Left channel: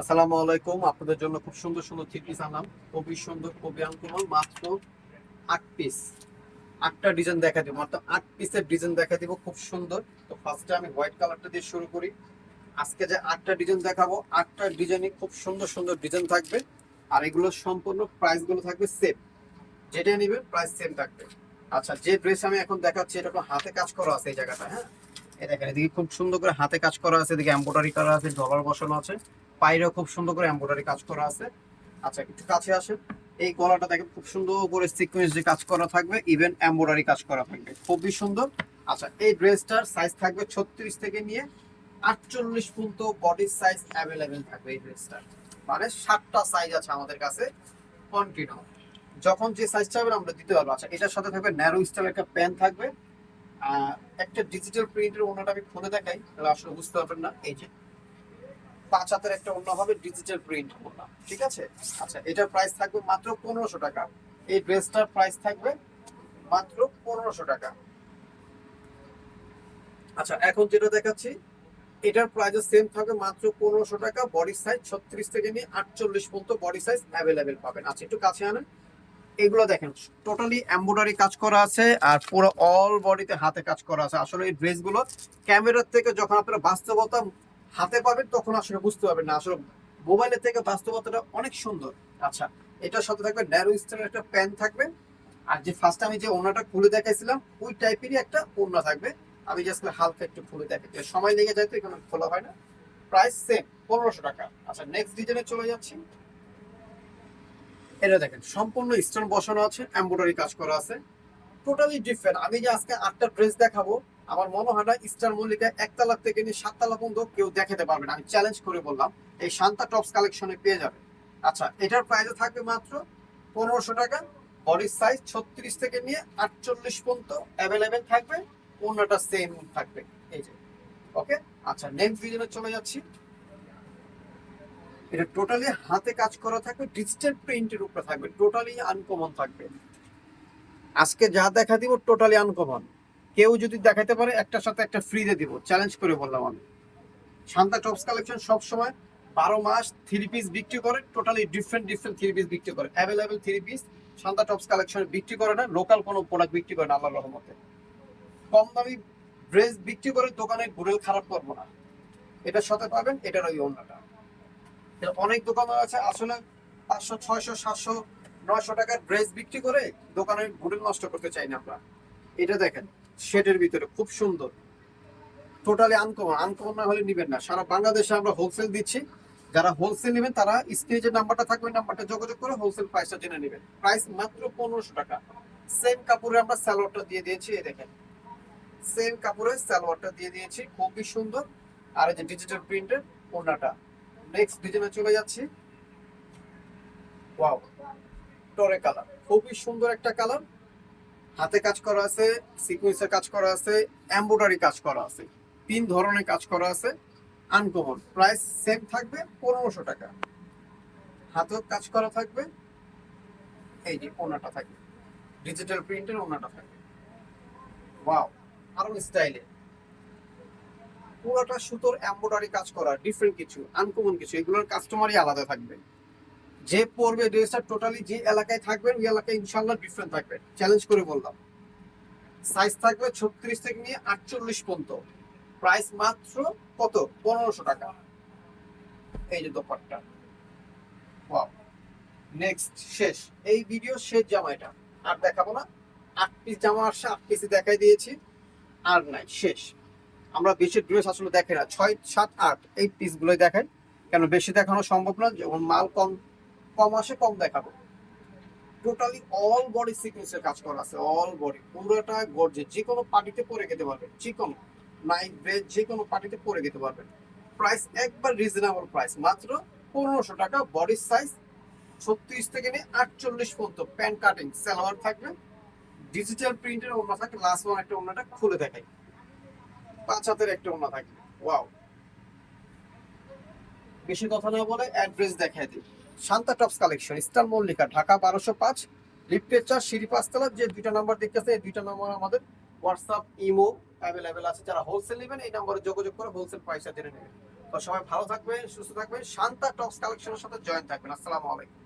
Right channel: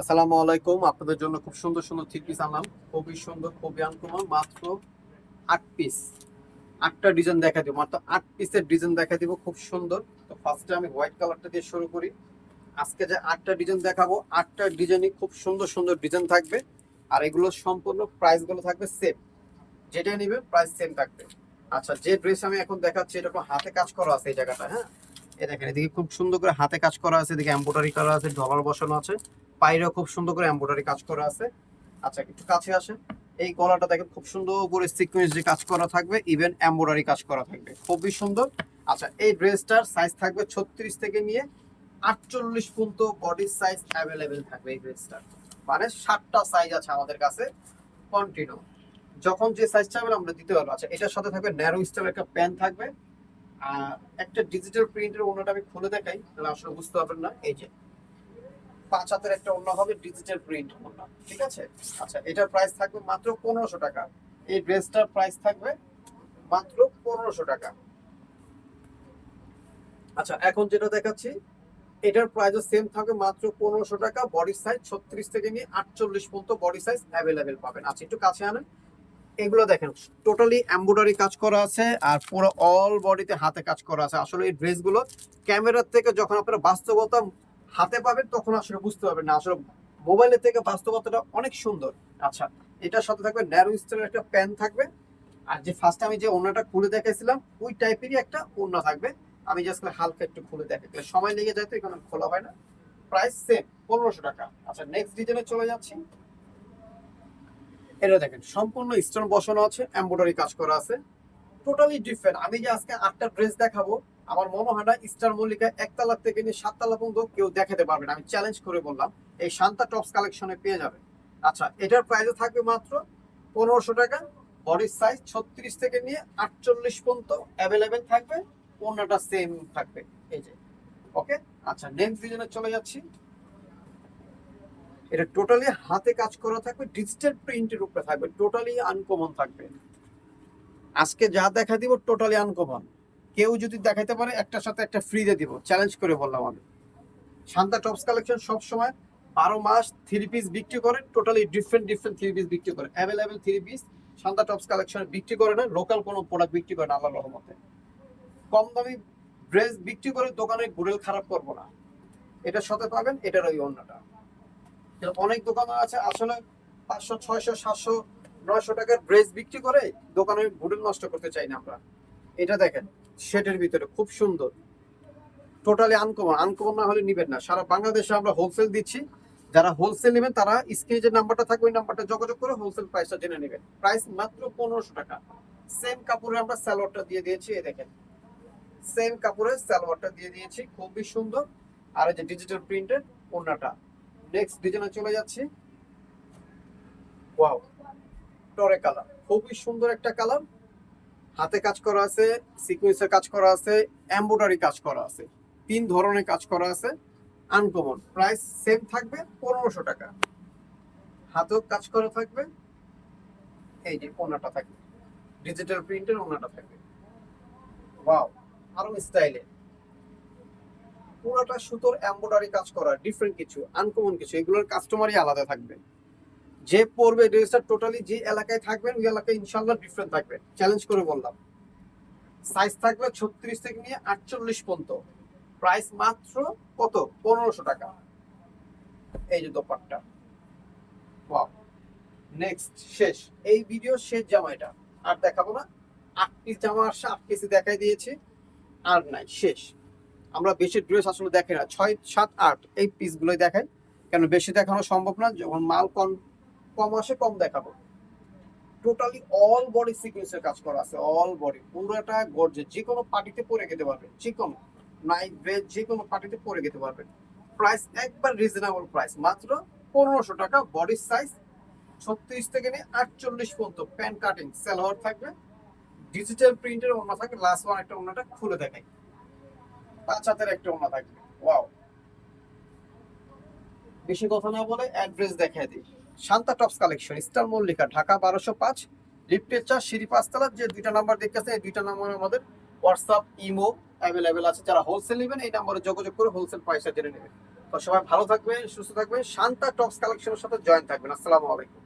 আসসালামু আলাইকুম। আপনাদের জন্য খুব সুন্দর সুন্দর থ্রি পিস আনলাম। খুবই সুন্দর, খুবই আনকমন। মাত্র 8 পিস, 8টা ডিজাইন দেখা দিব। মাত্র 8 পিসের ডিজাইন দেখা দিব, খুব সুন্দর। তো ফার্স্টে আমি হোয়াইট কালারটা দিয়ে শুরু করি। আজকে যে 8টা ডিজাইন দেখাবো, 8টা ডিজাইনই খুব সুন্দর সুন্দর ডিজাইন থাকবে। আর এগুলো সম্পূর্ণ প্রাইস গুলো থাকবে সেম। যেটা নিবে প্রাইস সেম থাকবে। আচ্ছা, যে ড্রেস আমি এখন দেখাচ্ছি এটা আপনার হাতে কাজ করা আছে এই জায়গাটা, হ্যাঁ। এই দেখেন, এদিকে খুব সুন্দর করে হাতে কাজ করা আছে, এদিকে এমব্রয়ডারি করা আছে, ডলার বসানো আছে। পায়রাও খুব সুন্দর করে এমব্রয়ডারি কাজ করা আছে। আচ্ছা, একটু কাছে আসেন। এই গলাটা দেখেন, খুব সুন্দর করে সিকোয়েন্স যে কাজ করা থাকবে, ইভেন এমব্রয়ডারি কাজ করা থাকবে, খুবই সুন্দর। আচ্ছা, এই ড্রেসটার সাইজ থাকবে 36 থেকে নিয়ে 48 পর্যন্ত বডি সাইজ অ্যাভেলেবেল থাকবে এই ড্রেসটার। মানে 7টা সাইজ আছে আমাদের কাছে কন্টিনিউ। যখন যে সাইজ চাইবেন আমরা দিতে পারবো। আচ্ছা, এটার সাথে থাকবে ন্যারো স্টাইলের একটা প্যান্ট থাকবে। একটা ডিজিটাল প্রিন্টের ওন্নাটা আমি খুলে দেখাই, তাহলে আসলে বুঝতে পারবেন না। এই যে 5 হাতের একটা ওন্না হবে, ডিজিটাল প্রিন্ট ওন্না, ঠিক আছে। আচ্ছা, এটার প্রাইস থাকবে মাত্র 1500 টাকা। এই ড্রেসটার প্রাইস থাকবে মাত্র 1500 টাকা। আচ্ছা, এখন যেটা দেখাচ্ছি এটার প্রাইসও সেম থাকবে, মাত্র 1500 টাকা। বডি সাইজ 36 থেকে নিয়ে 48 পর্যন্ত বডি সাইজ অ্যাভেলেবেল পাবেন। আচ্ছা, একটু কাছে আনেন। এগুলো দেখেন, টোটালি এমব্রয়ডারি কাজ করা আছে, আর পুরো অল বডিতে হাতে কাজ করা আছে। আসলে এই ড্রেসগুলো ক্যামেরার থেকে যখন আপনারা বাস্তবতা হাতে পাবেন তখন আসলে বুঝতে পারবেন না, আসলে মোবাইলের থেকে বাস্তবতাটা অনেক সুন্দর। আচ্ছা, এটার সাথে থাকবে ন্যারো স্টাইলের একটা প্যান্ট থাকবে। আর যে ফার্স্ট আমি যে ওড়নাটা খুলে দেখাইছিলাম ওই টাইপেরই একটা ওড়না থাকবে। আমি জাস্ট হালকা একটু খুলে দেখাই, সময় লেগে যায় তো এখানে খোলা হয় না। প্রাইস সেম, 1500 টাকা। আচ্ছা, নেক্সট ডিজাইনে চলে যাচ্ছি। এটা দেখেন, সম্পূর্ণ স্টোন বসানো আছে, এমব্রয়ডারি কাজ করা আছে, টোটালি ডিফারেন্ট। আমি যে আজকে 8টা ড্রেস দেখাবো, আমার মনে হয় না স্টার মল্লিকা 1 তলা থেকে নিয়ে 7 তলা পর্যন্ত কেউ দেখাতে পারবে না। আমি চ্যালেঞ্জ করে বললাম, এই শান্তা টপস কালেকশনে পেয়ে যাবে। আচ্ছা, এটার প্রাইস থাকবে মাত্র 1500 টাকা। বডির সাইজ 36 থেকে নিয়ে 48 পর্যন্ত অ্যাভেলেবেল থাকবে। অন্যটা সেম থাকবে, এই যে। ওকে। আচ্ছা, নেক্সট ডিজাইনে চলে যাচ্ছি। এটা টোটালি হাতে কাজ করা থাকবে, ডিজিটাল প্রিন্টের উপরে থাকবে, টোটালি আনকমন থাকবে। আজকে যা দেখা দিব টোটালি আনকমন। কেউ যদি দেখাতে পারে একটার সাথে একটা ফ্রি দিয়ে দিব, চ্যালেঞ্জ করে বললাম আমি। শান্তা টপস কালেকশন সব সময় 12 মাস থ্রি পিস বিক্রি করে, totally different different three piece বিক্রি করে, available three piece Shanta tops কালেকশনে বিক্রি করে না। লোকাল কোনো প্রোডাক্ট বিক্রি করে না আল্লাহর রহমতে। কম দামি ড্রেস বিক্রি করে দোকানে ঘুরেও খারাপ করবো না। এটার সাথে পাবেন এটার ওই অন্যটা। অনেক দোকান আছে আসলে 500 600 700 900 টাকার ড্রেস বিক্রি করে দোকানের হোটেল নষ্ট করতে চাই না আমরা। এটা দেখেন, শেডের ভিতরে খুব সুন্দর, টোটালি আনকমন। আনকমন না হলে নিবেন না। সারা বাংলাদেশে আমরা হোলসেল দিচ্ছি। যারা হোলসেল নেবেন তারা স্ক্রিনে যে নাম্বারটা থাকবে ওই নাম্বারটা যোগাযোগ করে হোলসেল প্রাইসটা জেনে নেবেন। প্রাইস মাত্র 1500 টাকা। সেম কাপড়ে আমরা সালোয়ারটা দিয়ে দিয়েছি, এই দেখেন, সেম কাপড়ে সালোয়ারটা দিয়ে দিয়েছি, খুবই সুন্দর। আর এই যে ডিজিটাল প্রিন্টের ওড়নাটা। নেক্সট ডিজাইনে চলে যাচ্ছি। ওয়াও, টরে কালার, খুবই সুন্দর একটা কালার। হাতে কাজ করা আছে, সিকুয়েন্সের কাজ করা আছে, এমব্রয়ডারি কাজ করা আছে, 3 ধরনের কাজ করা আছে, আনকমন। প্রাইস সেম থাকবে 1500 টাকা। হাতেও কাজ করা থাকবে, এই যে ওনাটা থাকবে, ডিজিটাল প্রিন্টের ওনাটা থাকবে। ওয়াও, আরো স্টাইলে পুরোটা সুতোর এমব্রয়ডারি কাজ করা, ডিফারেন্ট কিছু, আনকমন কিছু। এগুলোর কাস্টমারই আলাদা থাকবে। যে পরবে ড্রেসটা টোটালি যে এলাকায় থাকবেন ওই এলাকায় ইনশাল্লাহ ডিফারেন্ট থাকবে, চ্যালেঞ্জ করে বললাম। সাইজ থাকবে 36 থেকে নিয়ে 48 পর্যন্ত। প্রাইস মাত্র কত, 1500 টাকা। এই যে দোপাট্টা। ওয়াও, নেক্সট শেষ, এই ভিডিও শেষ জামা এটা। আর দেখাবো না। 8 পিস জামা আসছে, 8 পিসই দেখাই দিয়েছি, আর নাই, শেষ। আমরা বেশি ড্রেস আসলে দেখাই না, 6 7 8 এই পিসগুলোই দেখাই। কেন, বেশি দেখানো সম্ভব না, যখন মাল কম কম আসে কম দেখাবো। টোটালি অল বডি সিকোয়েন্সের কাজ করা আছে, অল বডি পুরোটা গর্জে, যে কোনো পার্টিতে পরে যেতে পারবেন, যে কোনো নাইট ড্রেস যে কোনো পার্টিতে পরে যেতে পারবেন। প্রাইস একবার রিজনেবল প্রাইস, মাত্র 1500 টাকা। বডি সাইজ 36 থেকে নিয়ে 48 পর্যন্ত। প্যান্ট কাটিং সালোয়ার থাকবে, ডিজিটাল প্রিন্টের ওড়না থাকবে। লাস্ট ওয়ান একটা ওড়নাটা খুলে দেখাই, 5 হাতের একটা ওড়না থাকবে। ওয়াও, বেশি কথা না বলে অ্যাড্রেস দেখাই দিই। Shanta tops collection, star Mallika, Dhaka 1205, লিফটের 4, সিঁড়ি 5 তলা। যে দুইটা নাম্বার দেখতেছে এই দুইটা নাম্বার আমাদের হোয়াটসঅ্যাপ ইমো অ্যাভেলেবেল আছে। যারা হোলসেল নেবেন এই নাম্বারে যোগাযোগ করে হোলসেল পয়সা জেনে নেবেন। তো সবাই ভালো থাকবেন, সুস্থ থাকবেন, শান্তা টপস কালেকশনের সাথে জয়েন থাকবেন। আসসালামু আলাইকুম।